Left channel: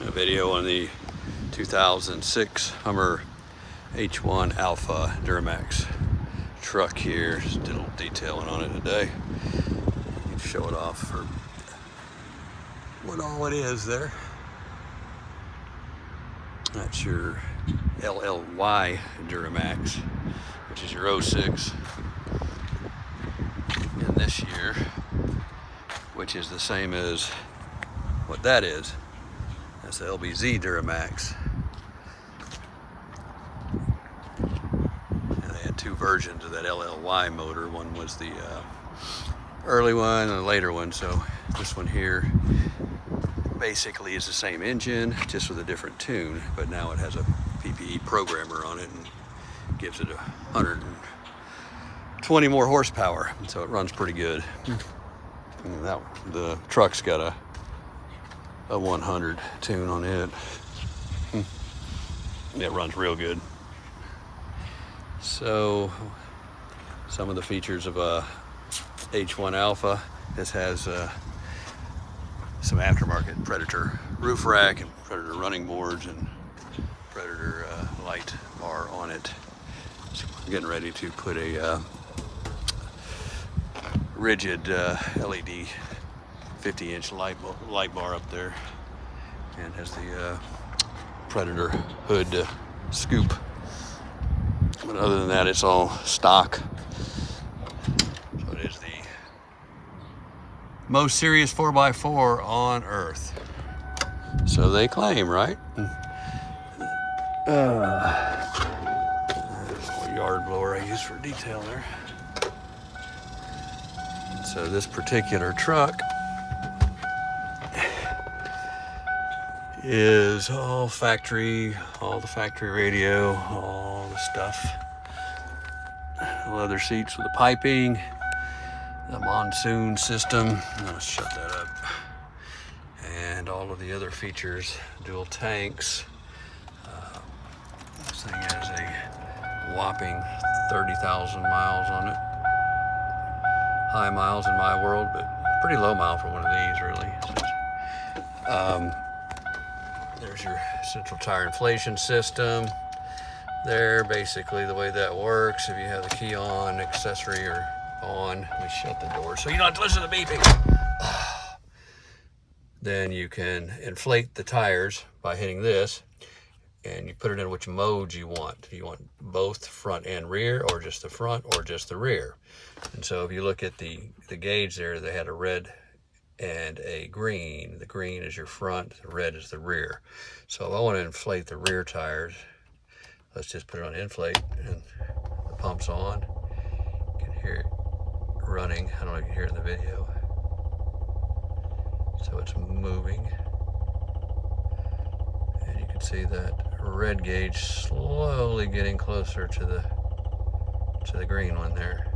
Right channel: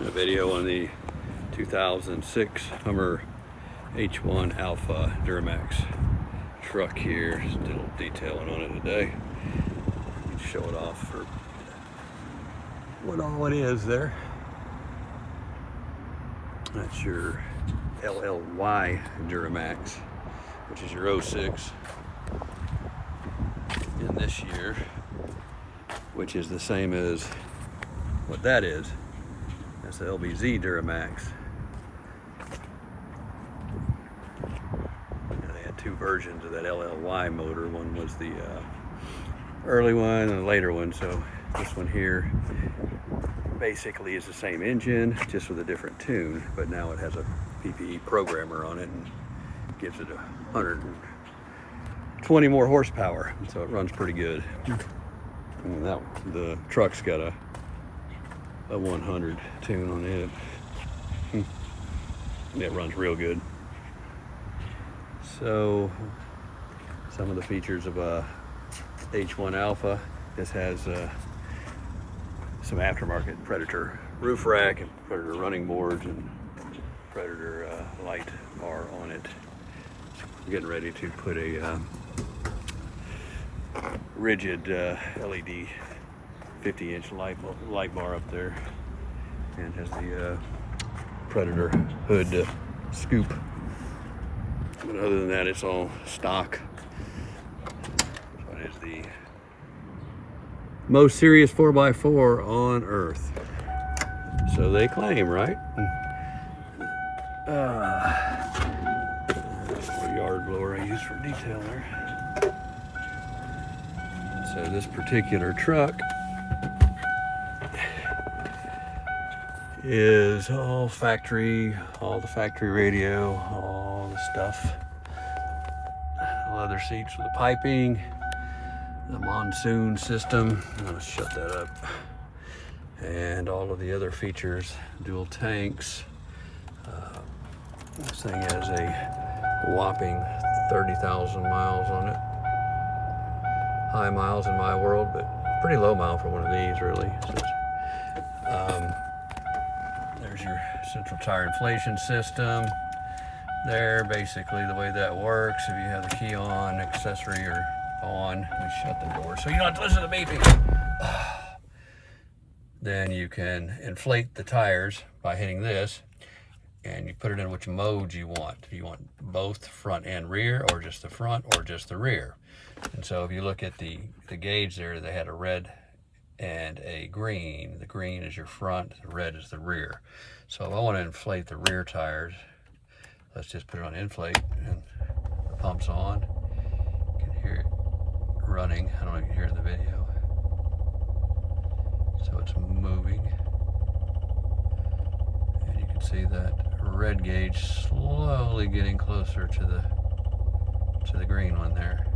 A video on the 2006 Hummer H1 Alpha Duramax truck here. Just did a little detailing on it today. Need to show it off for what all it is there. That's your LLY Duramax, which is your 06. And this year, which is the same as what that is. That's the LBZ Duramax. And they had two versions of that LLY motor. One was the early one and a later one. So this one here basically is the same engine, just with a different tune, but now it has a PPE programmer on it and gives it 120 more horsepower. So it runs pretty good. And the truck's got a 100 tune on it. It runs real good. So some of the features of a H1 Alpha, this has some aftermarket Predator roof rack and Predator running boards and Predator light bar on it. So I'm getting ready to put a rigid LED 50-inch light bar up there, and has the Predator hood scoop. But other than that, it's all stock. So it is the most serious 4x4 on earth. So they claim, right? Little yard blower I use for detail there. So this particular truck is all the factory radio, all the stuff. Leather seats with the piping, the monsoon system. I'll shut that up. And all of the other features, dual tanks. This thing has a whopping 30,000 miles on it. High miles in my world, but pretty low mile for one of these, really. So there's your central tire inflation system. There, basically the way that works, if you have the key on, accessory or on, let me shut the door so you don't have to listen to the beeping. Then you can inflate the tires by hitting this, and you put it in which mode you want. Do you want both front and rear, or just the front, or just the rear? And so if you look at the gauge there, they had a red and a green. The green is your front, the red is the rear. So if I want to inflate the rear tires, let's just put it on inflate, and the pump's on. You can hear it running. I don't know if you can hear it in the video. So it's moving. And you can see that red gauge slowly getting closer to the green one there.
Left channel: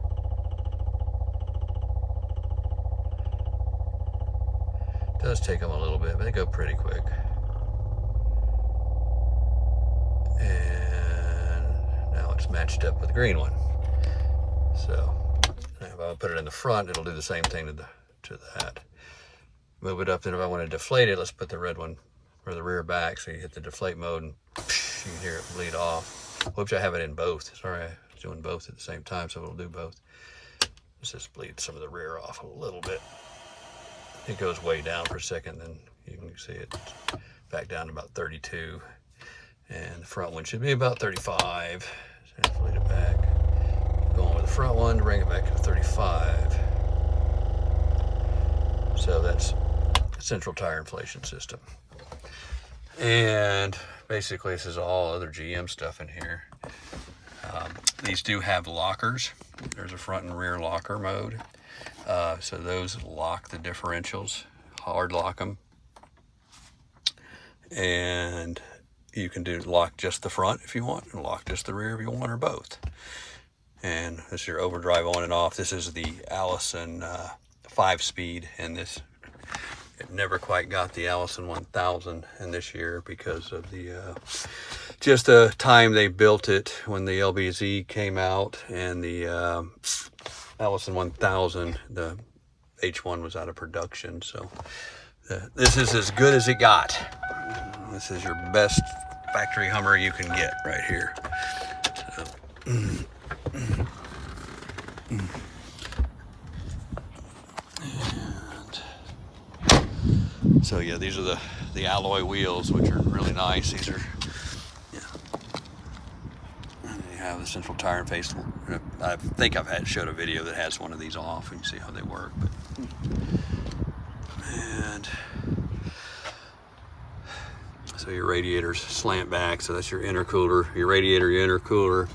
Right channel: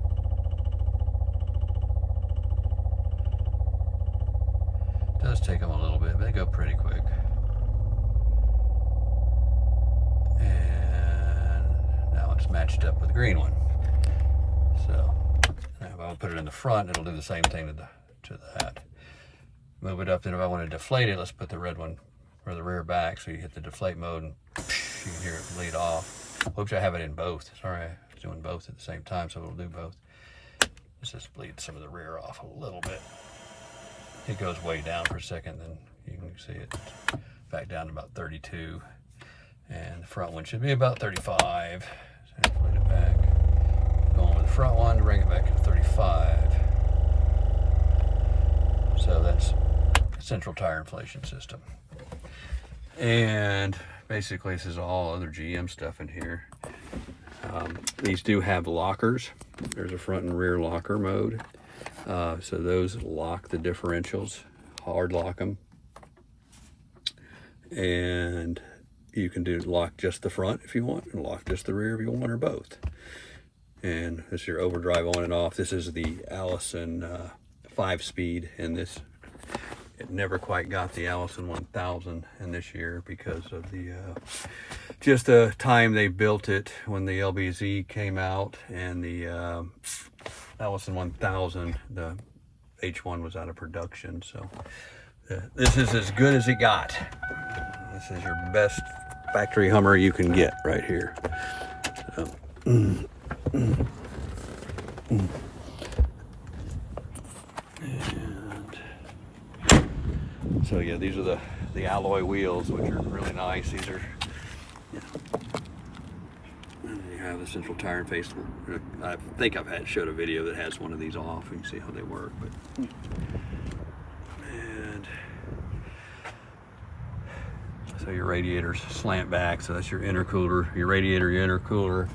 It does take them a little bit, but they go pretty quick. And now it's matched up with the green one. So if I put it in the front, it'll do the same thing to that. Move it up, then if I want to deflate it, let's put the red one or the rear back, so you hit the deflate mode and you can hear it bleed off. Hopefully I have it in both. Sorry, I was doing both at the same time, so it'll do both. Let's just bleed some of the rear off a little bit. It goes way down for a second, then you can see it back down to about 32. And the front one should be about 35. So inflate it back. Going with the front one to bring it back to 35. So that's central tire inflation system. And basically this is all other GM stuff in here. These do have lockers. There's a front and rear locker mode. So those lock the differentials, hard lock them. And you can lock just the front if you want, and lock just the rear if you want, or both. And this is your overdrive on and off. This is the Allison 5-speed, and this, it never quite got the Allison 1000 in this year because of the just the time they built it when the LBZ came out, and the Allison 1000, the H1 was out of production. So this is as good as it got. This is your best factory Hummer you can get right here. So, so yeah, these are the alloy wheels, which are really nice. These are, yeah. And you have the central tire face. I think I've showed a video that has one of these off, and you see how they work. But and so your radiators slant back, so that's your intercooler, your radiator, your intercooler,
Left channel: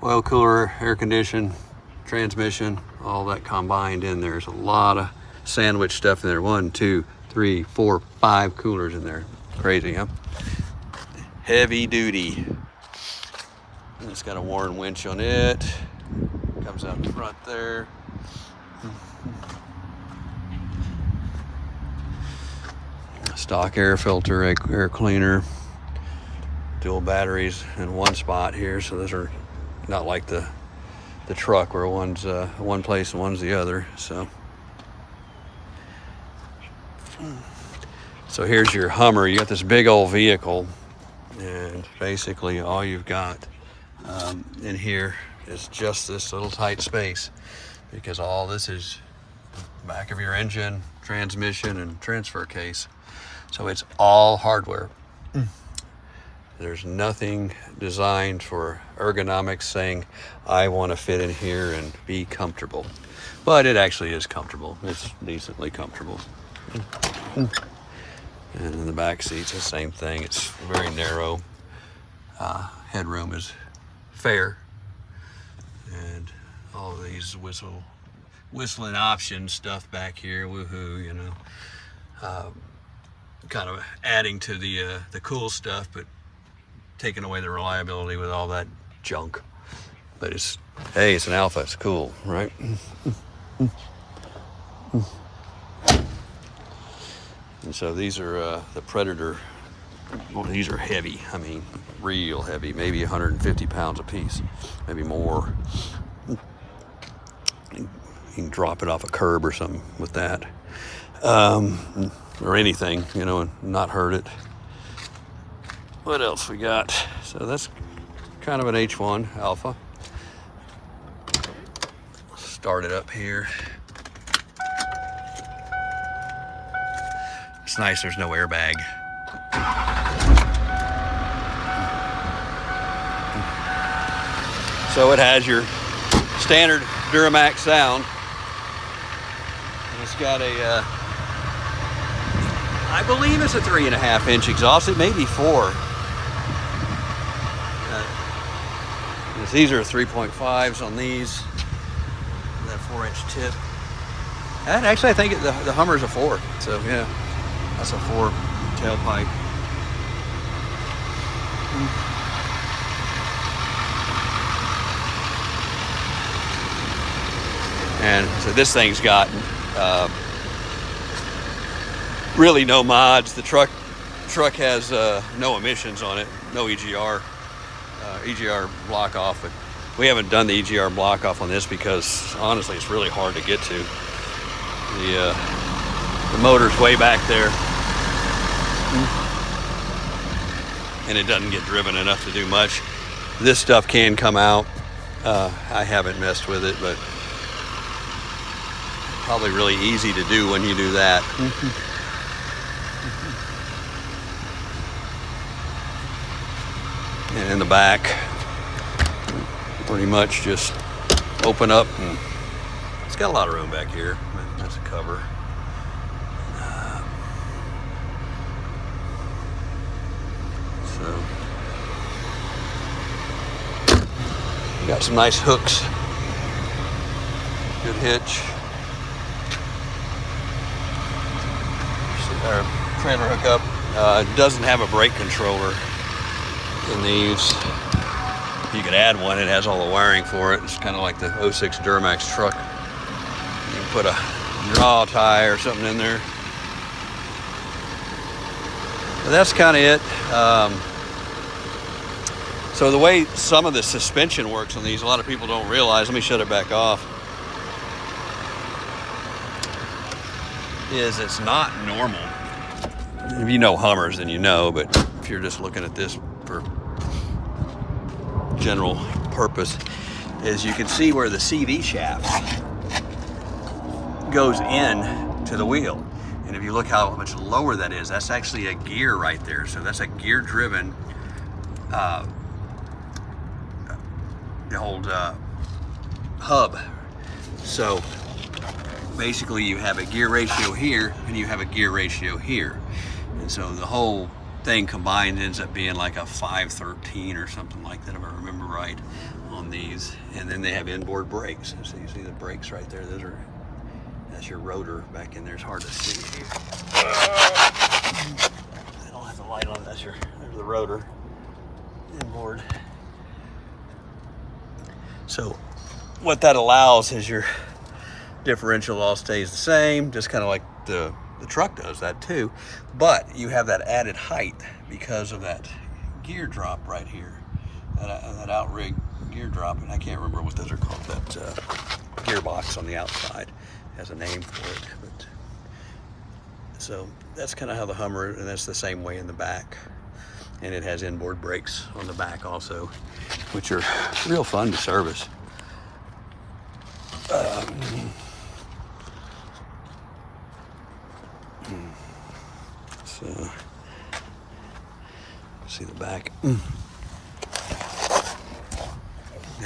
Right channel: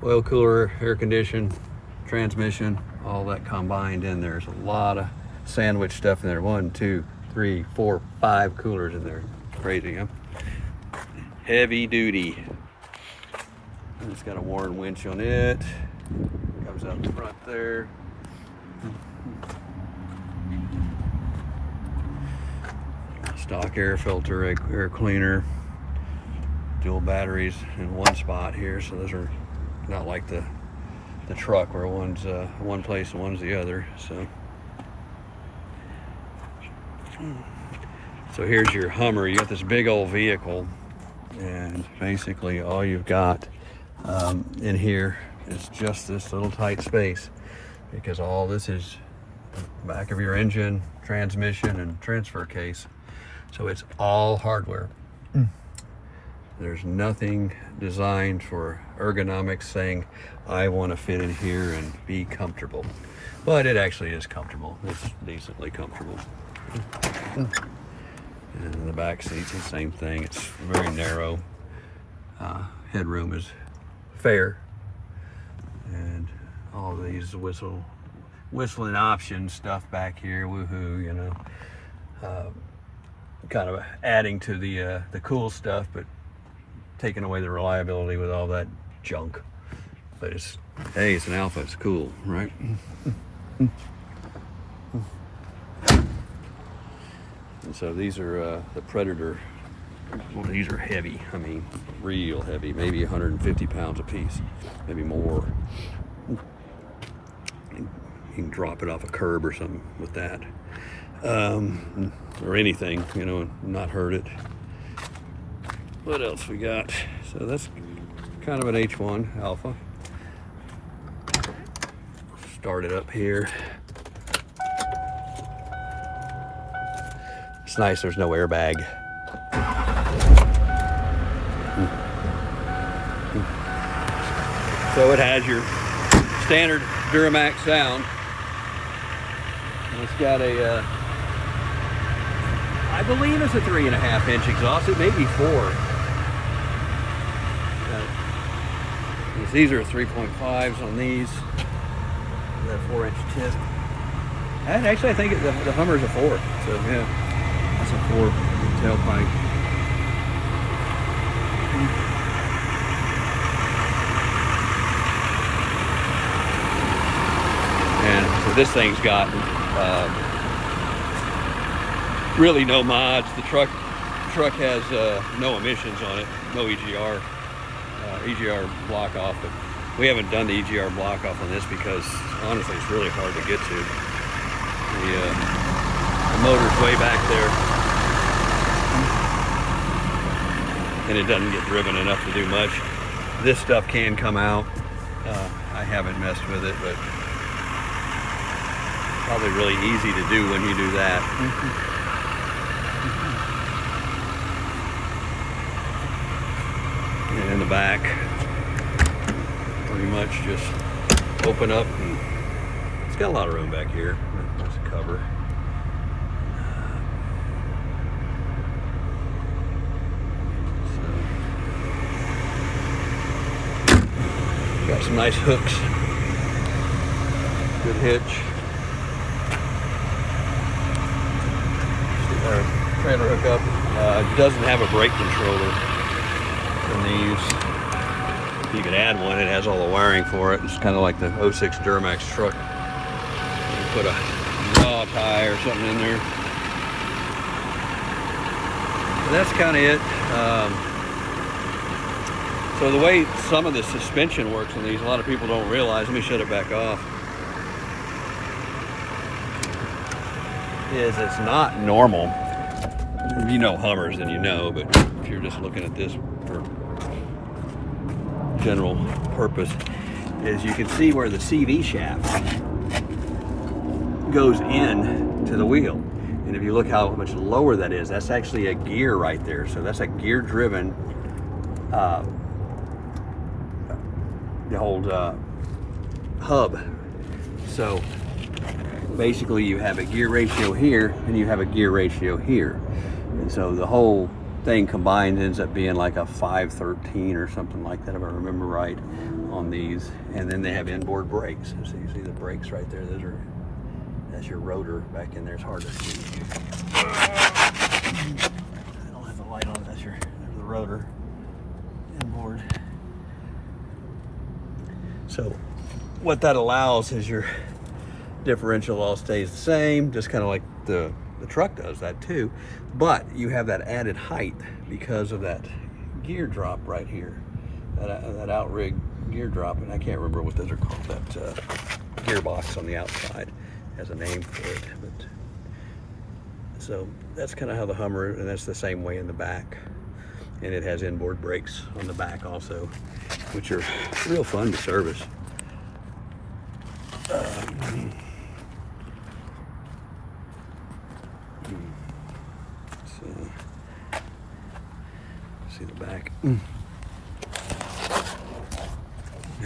oil cooler, air condition, transmission, all that combined in there. There's a lot of sandwich stuff in there. 1, 2, 3, 4, 5 coolers in there. Crazy, huh? Heavy duty. And it's got a Warren winch on it. Comes out in front there. Stock air filter, air cleaner, dual batteries in one spot here. So those are not like the truck where one's one place and one's the other. So here's your Hummer. You got this big old vehicle, and basically all you've got in here is just this little tight space, because all this is back of your engine, transmission, and transfer case. So it's all hardware. There's nothing designed for ergonomics saying, I want to fit in here and be comfortable. But it actually is comfortable. It's decently comfortable. And in the back seats, the same thing. It's very narrow. Headroom is fair. And all these whistling option stuff back here, woohoo, you know. Kind of adding to the cool stuff, but taking away the reliability with all that junk. But it's, hey, it's an Alpha, it's cool, right? And so these are the Predator. Well, these are heavy. I mean, real heavy, maybe 150 pounds a piece, maybe more. You can drop it off a curb or something with that. Or anything, you know, and not hurt it. What else we got? So that's kind of an H1 Alpha. Start it up here. It's nice there's no airbag. So it has your standard Duramax sound. And it's got a I believe it's a 3.5-inch exhaust. It may be 4. These are 3.5s on these. That 4-inch tip. And actually, I think the Hummer's a 4. So yeah, that's a 4 tailpipe. And so this thing's got really no mods. The truck has no emissions on it, no EGR block off, but we haven't done the EGR block off on this because honestly it's really hard to get to. The motor's way back there, and it doesn't get driven enough to do much. This stuff can come out. I haven't messed with it, but probably really easy to do when you do that. And in the back, pretty much just open up, and it's got a lot of room back here. That's a cover. So got some nice hooks, good hitch. Our trailer hookup doesn't have a brake controller in these. You could add one. It has all the wiring for it. It's kind of like the 06 Duramax truck. You can put a draw tie or something in there. But that's kind of it. So the way some of the suspension works on these, a lot of people don't realize. Let me shut it back off. Is it's not normal if you know Hummers, then you know, but if you're just looking at this for general purpose, is you can see where the CV shaft goes in to the wheel. And if you look how much lower that is, that's actually a gear right there. So that's a gear driven, the old hub. So basically you have a gear ratio here and you have a gear ratio here. And so the whole thing combined ends up being like a 513 or something like that, if I remember right, on these. And then they have inboard brakes. So you see the brakes right there. That's your rotor back in there. It's hard to see. I don't have the light on. There's the rotor inboard. So what that allows is your differential all stays the same, just kind of like the truck does that too, but you have that added height because of that gear drop right here, that outrigger gear drop, and I can't remember what those are called. That gearbox on the outside has a name for it, but so that's kind of how the Hummer, and that's the same way in the back, and it has inboard brakes on the back also, which are real fun to service. So, see the back. Yeah,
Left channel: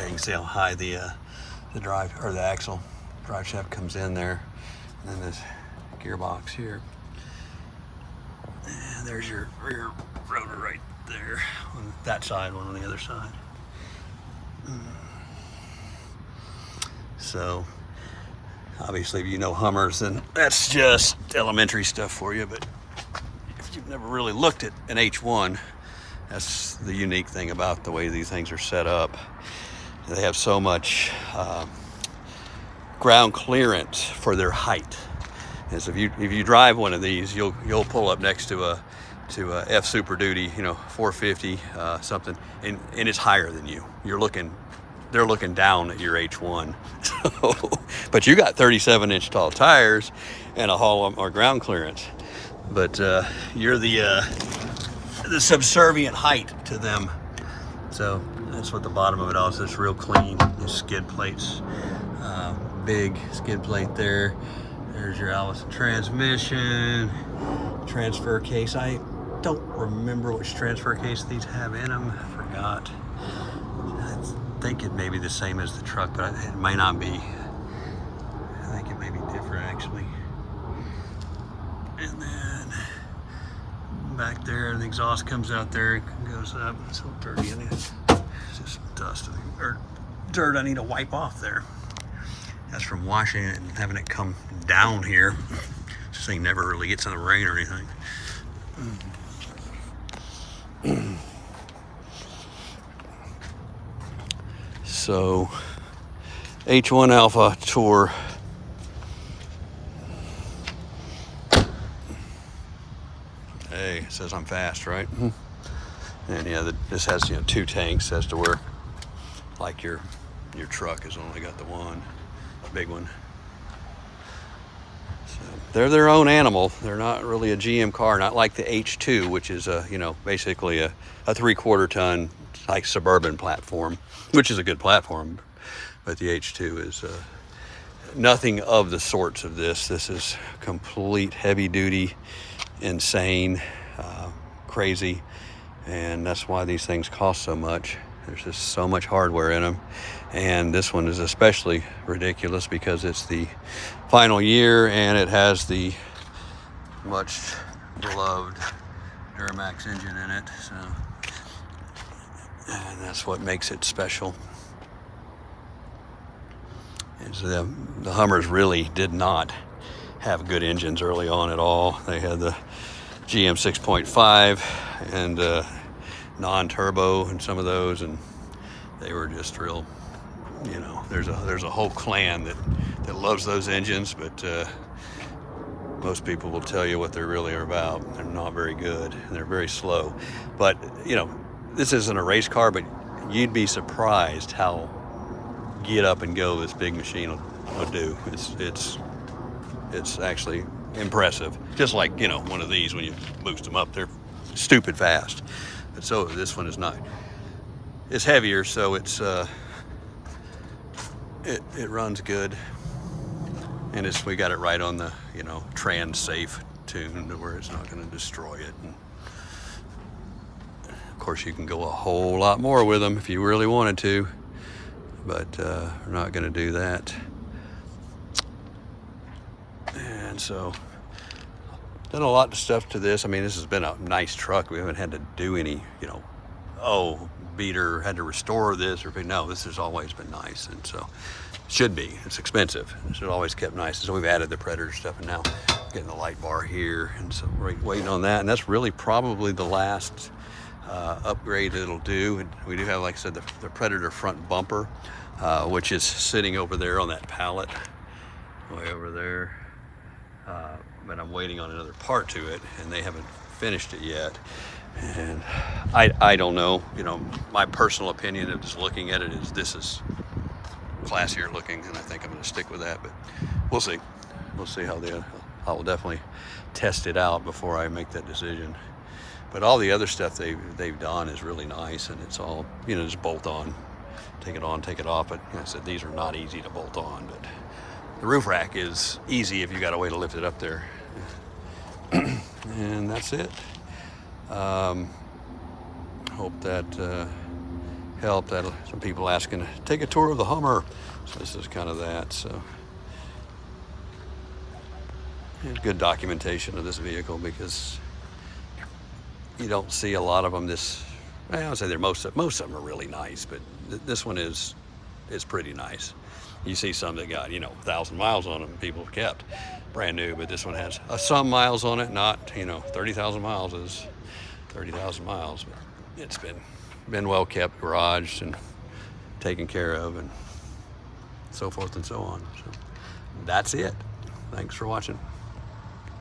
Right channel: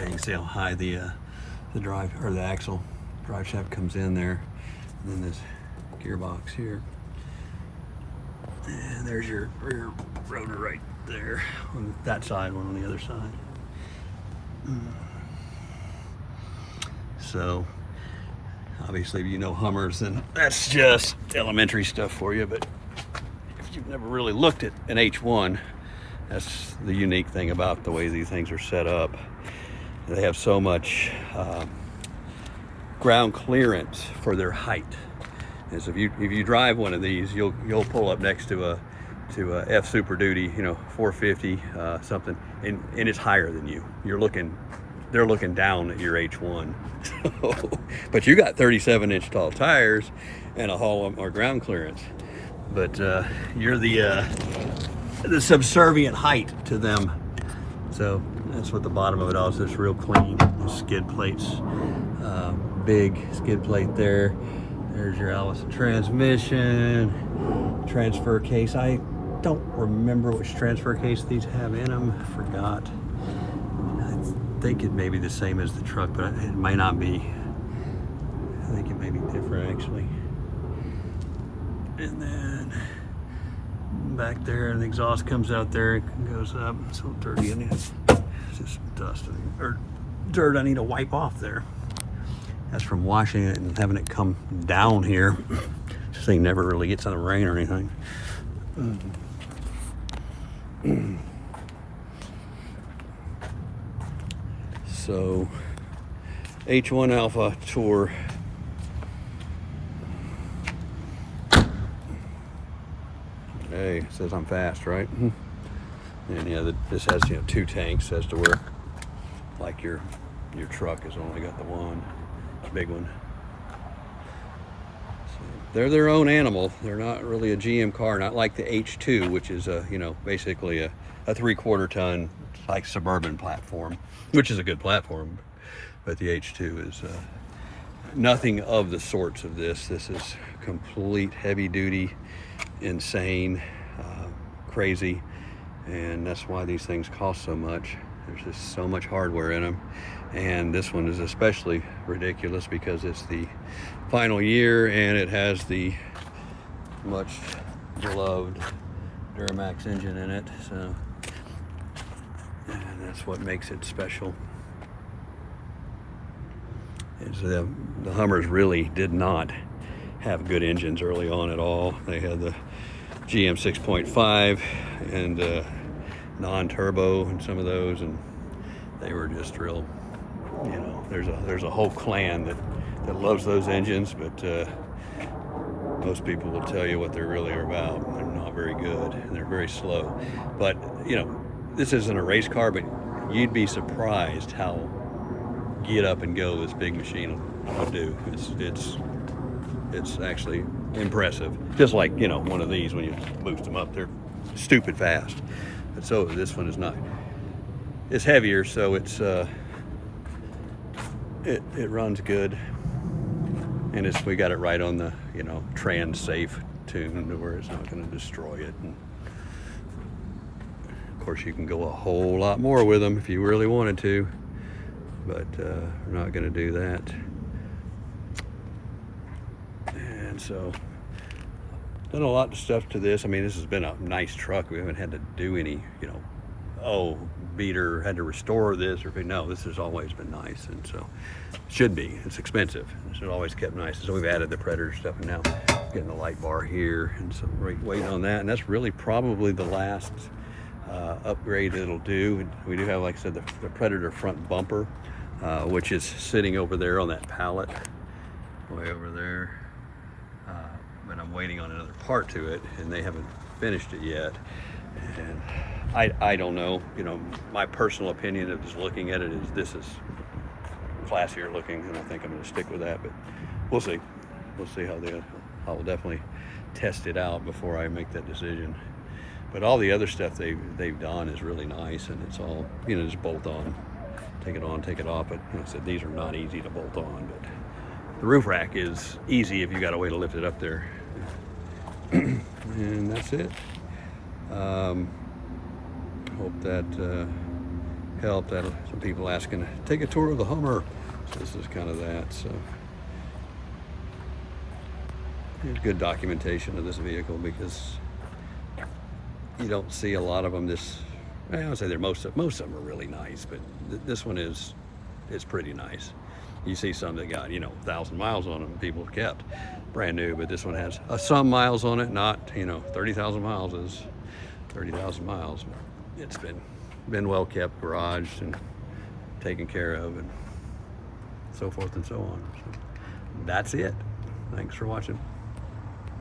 you can see how high the drive or the axle drive shaft comes in there, and then this gearbox here. And there's your rear rotor right there on that side, one on the other side. So obviously, if you know Hummers, then that's just elementary stuff for you. But if you've never really looked at an H1, that's the unique thing about the way these things are set up. They have so much ground clearance for their height. And so if you drive one of these, you'll pull up next to a F Super Duty, 450 something, and it's higher than you. They're looking down at your H1. So, but you got 37-inch tall tires and a hull or ground clearance. But you're the subservient height to them. So that's what the bottom of it all is. It's real clean. Skid plates, big skid plate there. There's your Allison transmission, transfer case. I don't remember which transfer case these have in them. I forgot. I think it may be the same as the truck, but it may not be. I think it may be different actually. And then back there, the exhaust comes out there, it goes up. It's a little dirty in it. It's just dust or dirt I need to wipe off there. That's from washing it and having it come down here. This thing never really gets in the rain or anything. So, H1 Alpha Tour. Hey, it says I'm fast, right? And yeah, this has 2 tanks as to where, like your truck has only got the one big one. So they're their own animal. They're not really a GM car, not like the H2, which is basically a 3/4 ton like suburban platform, which is a good platform. But the H2 is nothing of the sorts of this. This is complete heavy duty, insane, crazy, and that's why these things cost so much. There's just so much hardware in them, and this one is especially ridiculous because it's the final year and it has the much beloved Duramax engine in it, so, and that's what makes it special. And so the Hummers really did not have good engines early on at all. They had the GM 6.5 and non-turbo and some of those, and they were just real, there's a whole clan that loves those engines, but most people will tell you what they really are about. They're not very good, and they're very slow. But this isn't a race car, but you'd be surprised how get up and go this big machine will do. It's actually impressive. Just like, you know, one of these, when you boost them up, they're stupid fast. But so this one is not. It's heavier, so it's it runs good, and we got it right on the, you know, trans safe tune to where it's not going to destroy it. And of course, you can go a whole lot more with them if you really wanted to, but we're not going to do that. And so, done a lot of stuff to this. I mean, this has been a nice truck. We haven't had to do any, you know, beater, had to restore this, or no, this has always been nice. And so it should be. It's expensive. It's always kept nice. So we've added the Predator stuff, and now getting the light bar here, and so we're waiting on that. And that's really probably the last upgrade it'll do. And we do have, like I said, the Predator front bumper, which is sitting over there on that pallet, way over there. But I'm waiting on another part to it, and they haven't finished it yet. And I don't know, you know, my personal opinion of just looking at it is this is classier looking, and I think I'm going to stick with that, but we'll see. We'll see how I will definitely test it out before I make that decision. But all the other stuff they've done is really nice, and it's all, you know, just bolt on, take it off. But you know, I said these are not easy to bolt on, but the roof rack is easy if you got a way to lift it up there. And that's it. Hope that helped. That some people asking to take a tour of the Hummer, so this is kind of that. So good documentation of this vehicle, because you don't see a lot of them. I would say most of them are really nice, but this one is pretty nice. You see some that got, you know, 1,000 miles on them, people have kept brand new, but this one has some miles on it. Not, you know, 30,000 miles is 30,000 miles, but it's been well kept, garaged and taken care of, and so forth and so on. So that's it. Thanks for watching.